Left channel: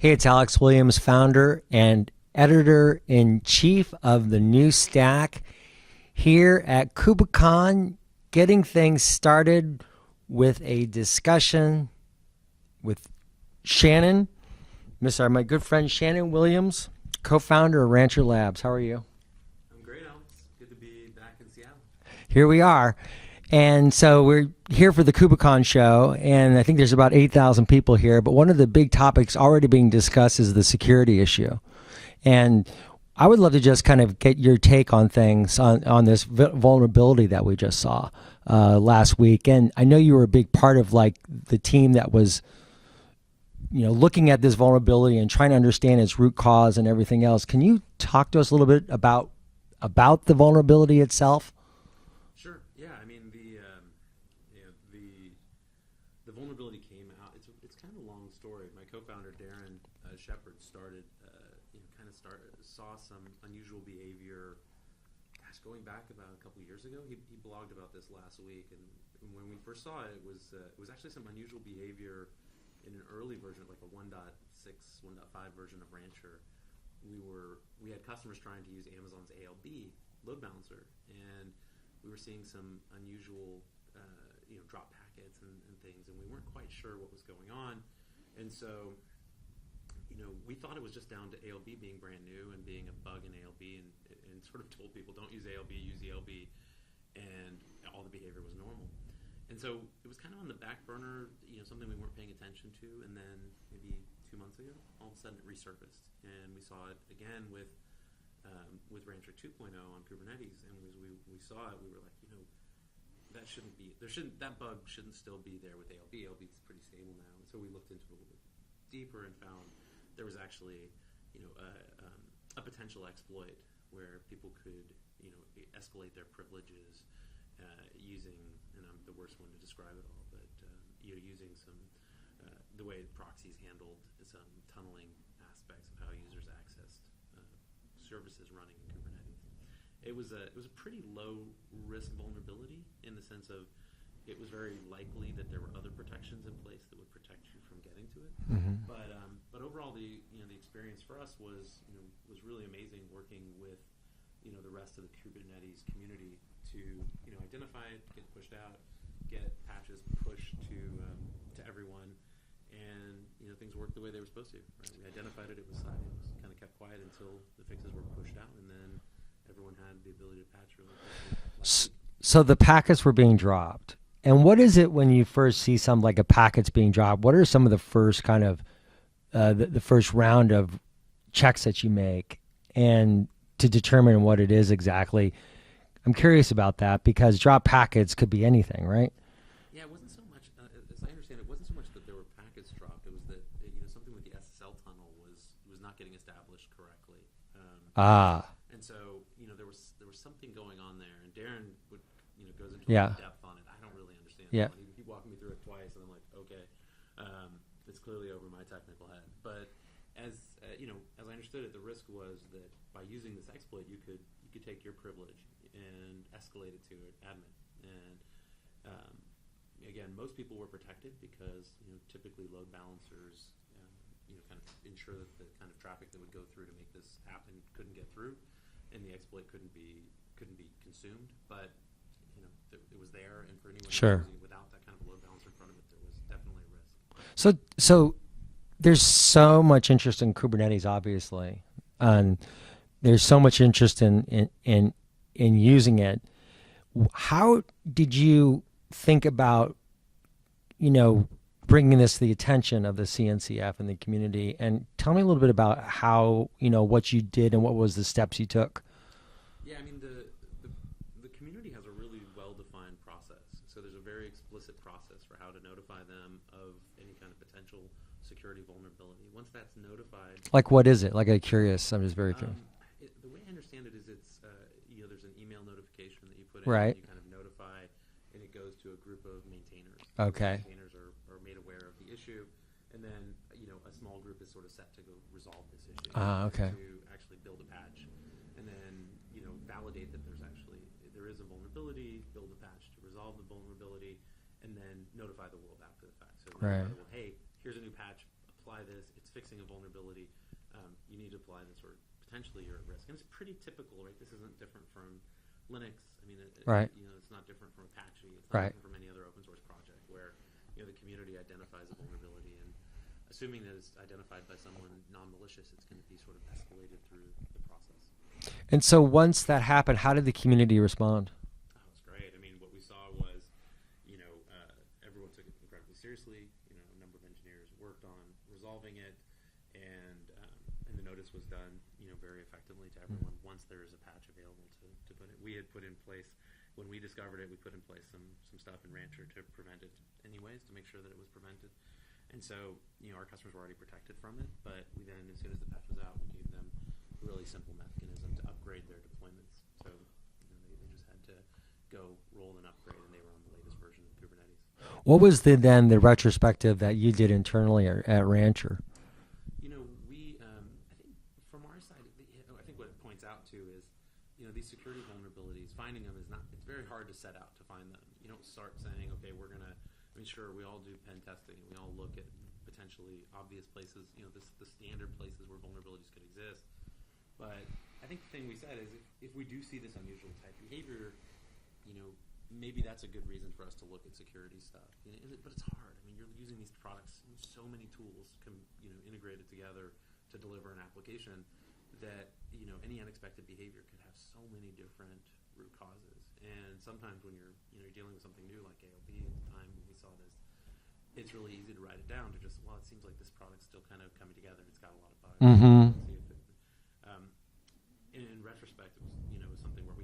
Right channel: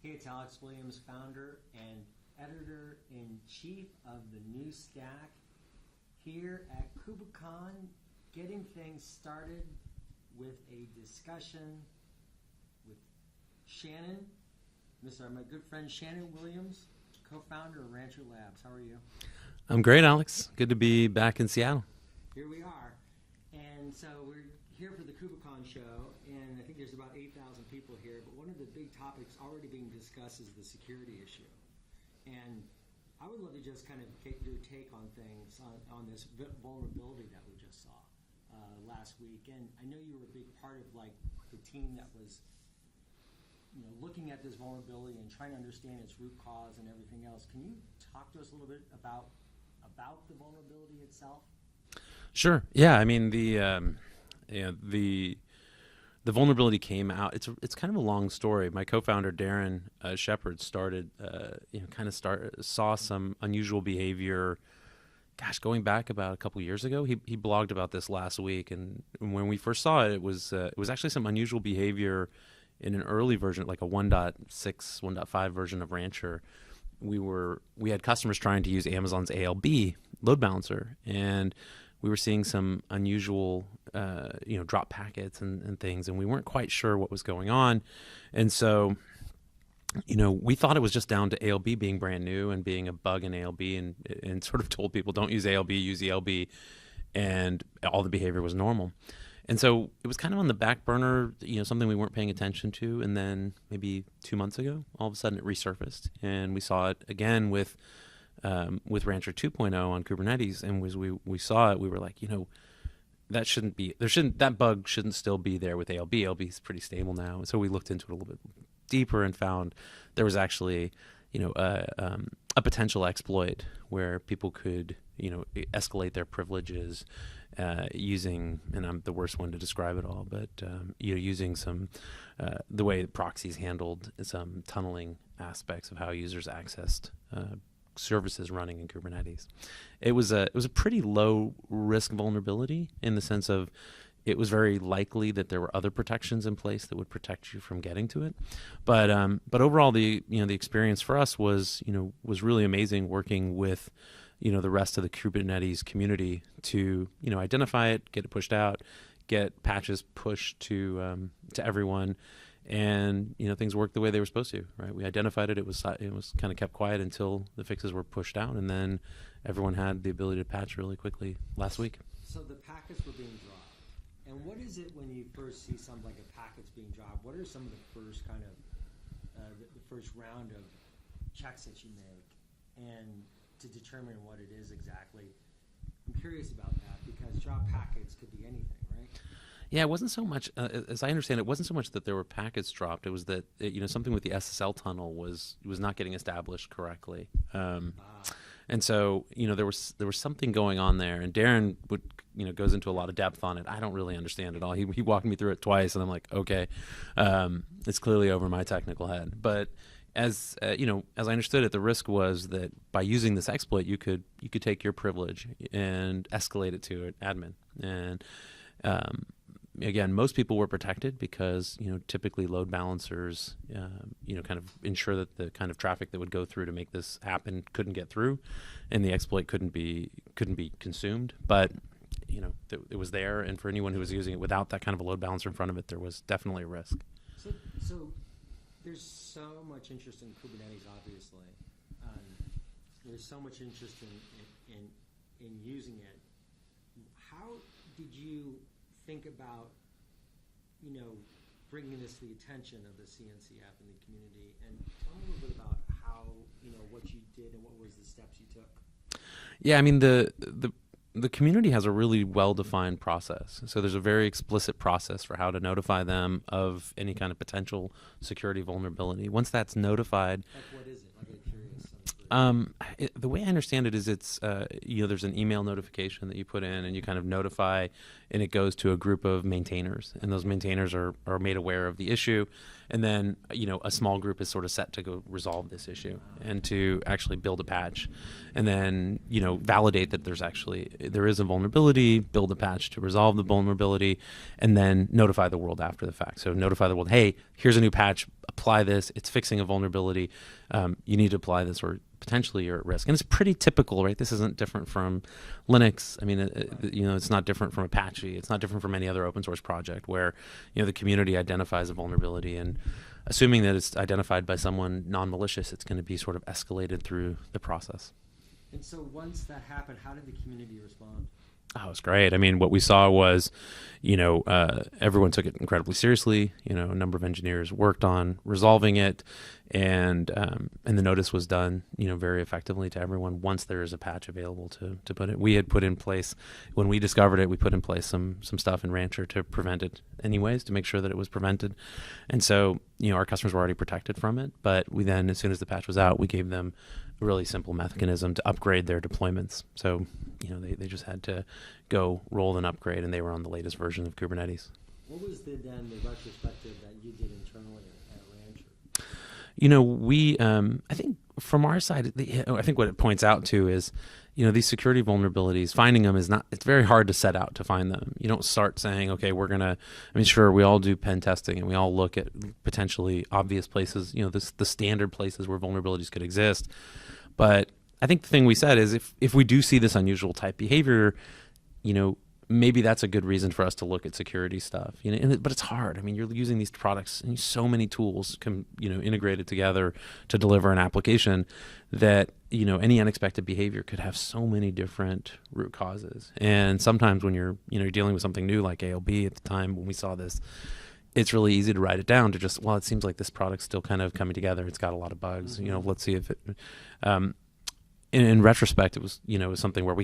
Hey, it's Alex Williams, founder and editor-in-chief of the New Stack, here at KubeCon, getting things started with a discussion with Shannon, my good friend Shannon Williams, co-founder of Rancher Labs. How are you? I'm great, Alex. Good to be back in Seattle. Here we are. And so we're here for the KubeCon show, and I think there's about 8,000 people here. But one of the big topics already being discussed is the security issue. And I would love to just kind of get your take on things, on this vulnerability that we just saw last week. And I know you were a big part of like the team that was, looking at this vulnerability and trying to understand its root cause and everything else. Can you talk to us a little bit about the vulnerability itself? Sure. Yeah. I mean, the vulnerability came out. It's kind of a long story. My co-founder Darren Shepard saw some unusual behavior. Gosh, going back about a couple years ago, he blogged about this last week, and when we first saw it, it was actually some unusual behavior in an early version, like a 1.6, 1.5 version of Rancher. We had customers trying to use Amazon's ALB load balancer, and we were seeing some unusual, drop packets and things, and we weren't quite sure what was going on. And so, we thought it was just down to ALB being brand new and being a bug in ALB, and sort of told people, don't use ALB, use ELB, and all the behavior was normal. And so it was kind of on the back burner, something we weren't paying attention to. And then maybe 2 months ago, all of a sudden it resurfaced, and we saw it again with Rancher 2.0 on Kubernetes. And as we saw it, we were like, that bug shouldn't still be there with ALB. ALB is pretty stable now. And so we looked into it a little bit deeper and found there was actually, a potential exploit where people could, escalate their privileges using, and I'm the worst one to describe it all, but using some the way proxies handled some tunneling aspects of how users accessed services running in Kubernetes. It was a pretty low risk vulnerability in the sense of it was very likely that there were other protections in place that would protect you from getting to it. Mm-hmm. But overall, the experience for us was really amazing, working with the rest of the Kubernetes community to identify it, get it pushed out, get patches pushed to everyone. And things worked the way they were supposed to, right? We identified it. It was kind of kept quiet until the fixes were pushed out, and then everyone had the ability to patch really quickly last week. So the packets were being dropped. And what is it when you first see some like a packets being dropped? What are some of the first kind of the first round of checks that you make, and to determine what it is exactly? I'm curious about that, because drop packets could be anything, right? Yeah, it wasn't so much, as I understand, it wasn't so much that there were packets dropped. It was that something with the SSL tunnel was not getting established correctly. And so there was something going on there. And Darren goes into a lot of depth on it. I don't really understand it all. He walked me through it twice, and I'm like, okay, it's clearly over my technical head. But as I understood it, the risk was that by using this exploit, you could take your privilege and escalate it to an admin. And again, most people were protected because typically load balancers kind of ensure that the kind of traffic that would go through to make this happen couldn't get through, and the exploit couldn't be consumed. But it was there, and for anyone who was using it without that kind of a load balancer in front of it, there was definitely a risk. So there's so much interest in Kubernetes, obviously, and there's so much interest in using it. How did you think about, bringing this to the attention of the CNCF and the community? And tell me a little bit about how, what you did and what was the steps you took. Yeah, I mean, the community has a really well-defined process. So there's a very explicit process for how to notify them of any kind of potential security vulnerability. Once that's notified, like what is it? Like, I'm curious. I'm just very the way I understand it is it's there's an email notification that you put in, and you kind of notify, and it goes to a group of maintainers, and those maintainers are made aware of the issue. And then, a small group is sort of set to go resolve this issue and to actually build a patch, and then, validate that there is a vulnerability, build a patch to resolve the vulnerability, and then notify the world after the fact. So notify the world, hey, here's a new patch apply this. It's fixing a vulnerability. You need to apply this, or potentially you're at risk. And it's pretty typical, right? This isn't different from Linux. I mean, it's not different from Apache. It's not different from any other open source project where, the community identifies a vulnerability, and assuming that it's identified by someone non-malicious, it's going to be sort of escalated through the process. And so once that happened, how did the community respond? Oh, it was great. I mean, what we saw was, everyone took it incredibly seriously. A number of engineers worked on resolving it, and the notice was done, very effectively to everyone once there is a patch available to put it. We had put in place, when we discovered it, we put in place some stuff in Rancher to prevent it anyways, to make sure that it was prevented. And so, our customers were already protected from it, but we then, as soon as the patch was out, we gave them a really simple mechanism to upgrade their deployments. So, they just had to go roll an upgrade, and they were on the latest version of Kubernetes. What was the retrospective that you did internally at Rancher? We, I think from our side, I think what it points out to is, these security vulnerabilities, finding them it's very hard to set out to find them. You don't start saying, okay, sure, we all do pen testing and we all look at potentially obvious places, the standard places where vulnerabilities could exist. But I think the thing we said is if we do see this unusual type behavior, maybe that's a good reason for us to look at security stuff. But it's hard. I mean, you're using these products and so many tools integrated together to deliver an application that, any unexpected behavior could have so many different root causes. And sometimes when you're dealing with something new like ALB at the time when we saw this, it's really easy to write it down to just, well, it seems like this product's still kind of coming together. It's got a lot of bugs. Mm-hmm. Let's see if it. In retrospect, it was something where we